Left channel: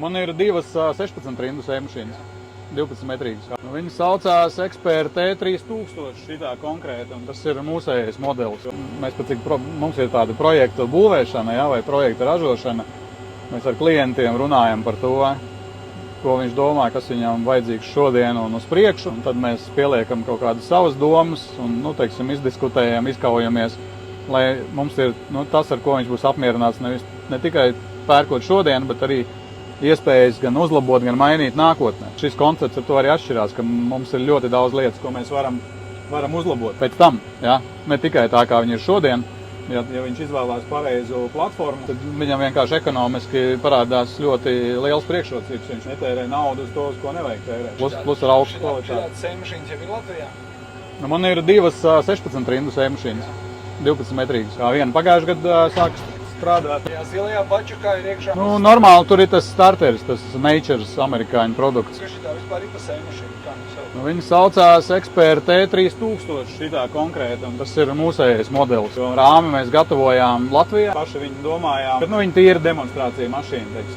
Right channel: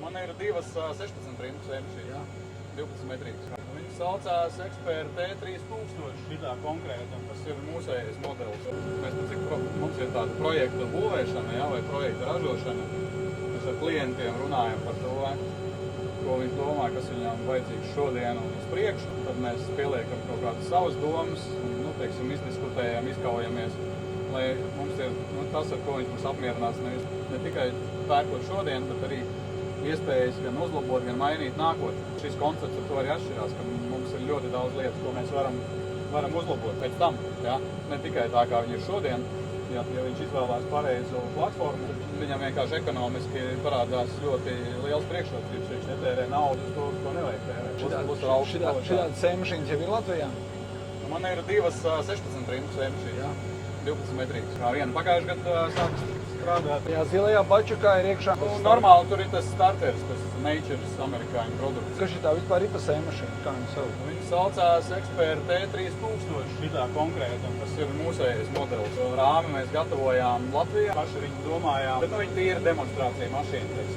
Man ir divas 16 rindu sēmašīnas, 12 metrīgas. Viņi saucās Expert T3000 šitā konkrēti, un tas ir mūsējais modelis. Mēs pat cik mums ir tāda projekta būvēšana, vai projekta ražošana, mēs ar klientiem runājam par to, ko viņš domā, kas viņam vajadzīgs šodien un uz priekšu. Un tad mēs pieliekam kaut kādas savas domas un, izdiskutējam, izkaujamies, lai mums ir tas, ar ko viņš būs apmierināts ne tikai pērkot šodien, bet arī iespējas gan uzlabot, gan mainīt nākotnē. Šis koncepts ar to arī atšķirās, ka mums ir ļoti daudz lietas, ko mēs varam uzlabot pēc tam. Ja? Ne tikai tā, kā viņi ir šodien. Ja viņš izvēlās pareizu platformu, tad viņam vienkārši ekonomiski parādās ļoti liels priekšrocības. Viņš netērē naudu uz to, uz ko nevajag tērēt. Plus ar augstu kvalitāti. Šādas sēmašīnas jau ir Latvijā? Man ir divas 16 rindu sēmašīnas, 12 metrīgas. Viena pagājušajā gadā sākas strādāt. Jā, zilajā pačakā ir iekšā. Normāli tur ir tas starteris, tas Nature's amerikāņu produkts. Kas šitā vispār ir pa sēmašīnu? Viņi saucās Expert T3000 šitā konkrēti, un tas ir mūsējais modelis. Rāmi mēs gatavojām Latvijā, paši viņu domājām, bet viņi tīra demonstrācija mašīna, teiksim.